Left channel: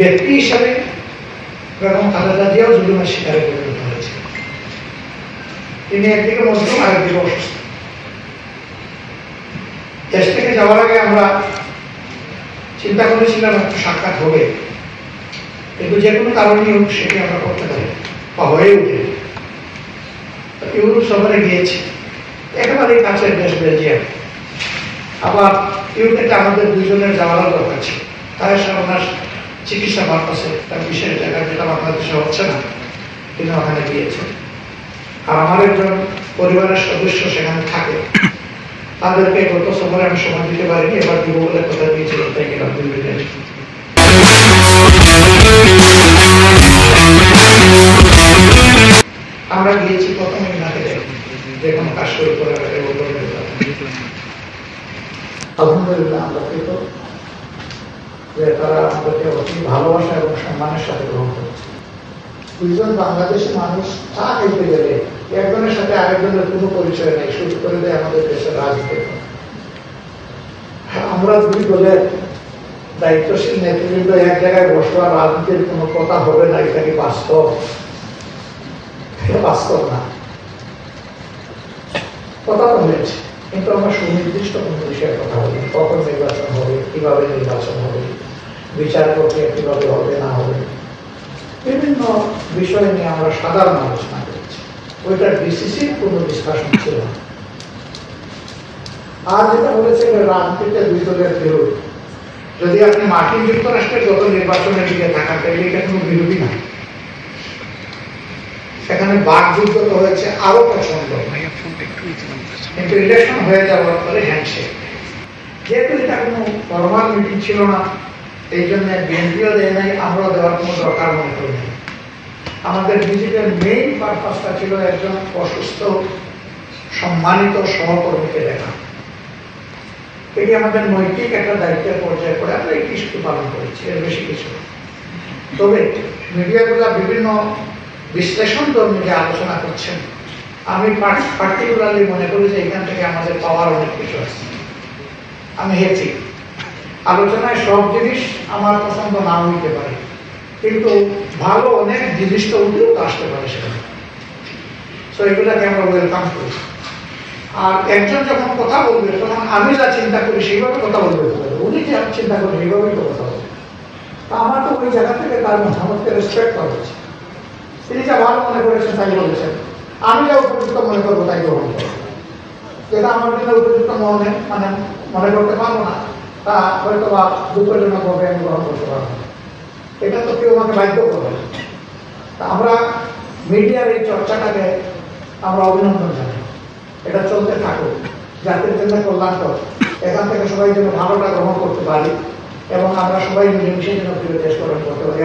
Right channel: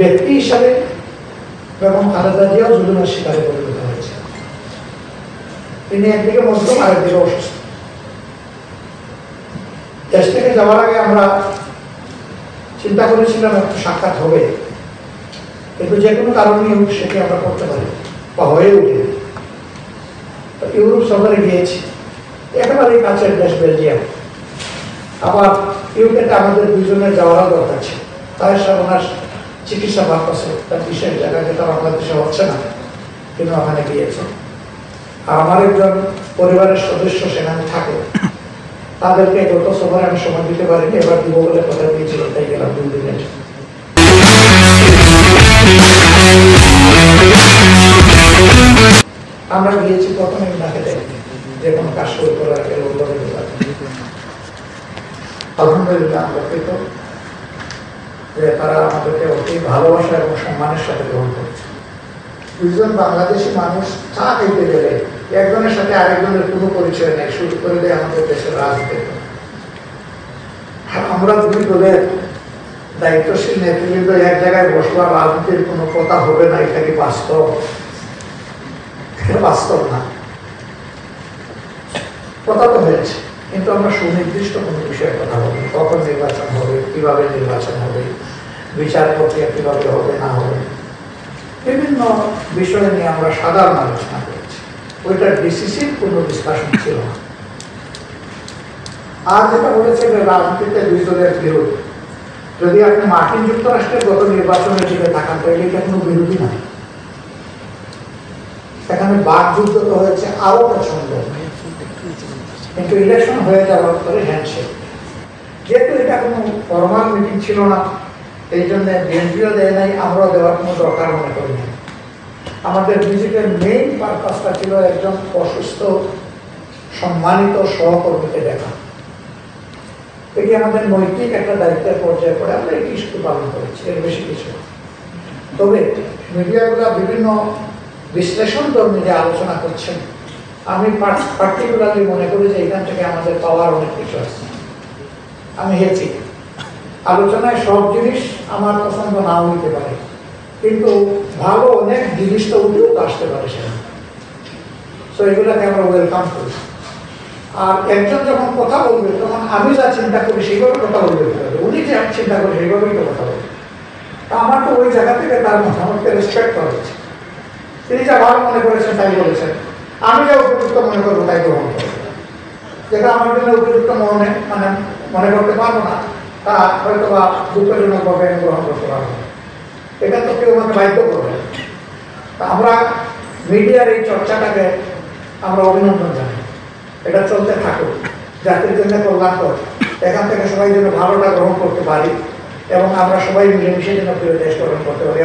ব্যক্তি হিসাবে বেগম খালেদা জিয়াও জুলুমের শিকারে পরিণত হয়েছে। তিনি একদিকে মজলুম, আরেকদিকে অসুস্থ। দেশ থেকে যাওয়ার আগে আমরা চিন্তা করেছিলাম একটু সাক্ষাৎ হবে, কিন্তু যে কোনো কারণে সেটি আমরা করতে পারি বা হয়ে উঠে। ইউরোপ সফরে গিয়েছি, একেবারেই কাছের দেশ বেলজিয়াম। আবার ইউরোপে আমাদের দুইজনের যাওয়ার দরকার ছিল। তাই ওনার চিকিৎসা পারপাসে তার বিশেষ জায়গা যেটা বাংলাদেশে হচ্ছে না, তিনি ওখানে গিয়েছেন। আর আমার একজন পরিবারের সদস্য সেখানে থাকে, তাদেরকে গত সফরে আমি সময় দিতে পারিনি, এবার দিব বলে কথা দিয়েছিল, তাই গেলাম 2 দিনের। আমরা গিয়েছি প্রথমে নাকে যে কোনো কাজ শুরু করার আগে আলহামদুলিল্লাহ আমরা পেত যে তারা আমাদেরকে অতি ভালোবাসা এবং সম্মানের সাথে গ্রহণ করেছে। দুজন বাংলাদেশি মানুষ চা খেতে গেলে একজনের সাথে আরেকজনের কোনো পরিচয় নেই, শুরু করে দেয় আমাদের দেশের রাজনীতি। আমরা 2 দলের দায়িত্বশীল নেতৃবৃন্দ এক জায়গায় বসবার রাজনীতির কোনো কথা হবে না, এটা কি বাস্তব? বাস্তব না। কথা তো হয়েছে, কিন্তু আমরা সুনির্দিষ্ট কোনো বিষয়ে কথা বলি। কখন নির্বাচন হবে, কিভাবে নির্বাচন হবে, বিচার প্রক্রিয়া কিভাবে হবে না হবে, বিভিন্ন বিষয় নিয়ে আমরা সাধারণ আলোচনা করেছি। ওইটার ডিসিসিভ কোনো ডিসকাশন ছিল না। আর যেটা বলেছে যে রাজনীতিতে 2 দলের বিরোধ, যদি আপনি মার্কিন যুক্তরাষ্ট্রের গত নির্বাচনের দিকে থাকান তাহলে এটা কোনো বিরোধী না। সেখানে বাকযুদ্ধ তো হয়েছে আরো প্রচন্ড, কিন্তু ইলেকশন হয়ে যাওয়ার পরে হ্যান্ডশেক। যেহেতু এটা কোনো ফরমাল মিটিং ছিল না, এই জন্য বিএনপিও দেয় নাই, আমরাও দেওয়ার কোনো দরকার মনে করি নাই। আমাদের ভিজিটের মেইন পারপাসটা ছিল একজন অসুস্থ সম্মানিত সহকর্মীকে দেখা। এটি আমাদের নৈতিক একটা দায়িত্বের পর্যায়ে পড়ে আমরা এই ইস্যু পালন করেছি, এর বেশি কিছু। তবে মিডিয়াগুলো বিভিন্ন বিশ্লেষণ ধর্মী আলোচনা করছেন, আমি পার্টিকুলারলি মনে করি যে এখান থেকে আমাদের পাওয়ার অনেক কিছু আছে। আমি হেছি আলোচনায় সব জিনিস আমার পছন্দ না হইতে পারে, কিন্তু ভালো অনেক জিনিস তো উঠেও আসতে পারে সেখানে। তো এগুলাকে আমরা ওয়েলকাম করি। আর একজন যখন কথা বলবে তখন আমি যা চিন্তা করি সেইভাবে কথা বলবে, উনি যে চিন্তা করি সেইভাবেই তো কথা বলবে। তা আমার তো ওই জায়গা থেকে তার মতামতকে রেসপেক্ট করা হচ্ছে। তিনি যা ভালো মনে করেছেন তাই বলেছেন, আমি যা উপযুক্ত মনে করবো তাই গ্রহণ করবো। যেটা আমার জন্য উপযুক্ত মনে করতে পারবো না, তা হয়তো বা দুঃখজনকভাবে আমি গ্রহণ করতে পারবো। এটা তো কেউ আমাকে বাধ্য করবে। তা আমরা মিডিয়ার এই চর্চাটাকে আমরা অভিনন্দন জানাই। এটা চলতে থাকুক, জাতির জন্য কল্যাণকর। এখান থেকে সবাই যেন ভালোটা গ্রহণ করতে পারি এবং আমরা সবাই মিলেমিশে যেন প্রিয় দেশ গ্রহণ করতে পারি।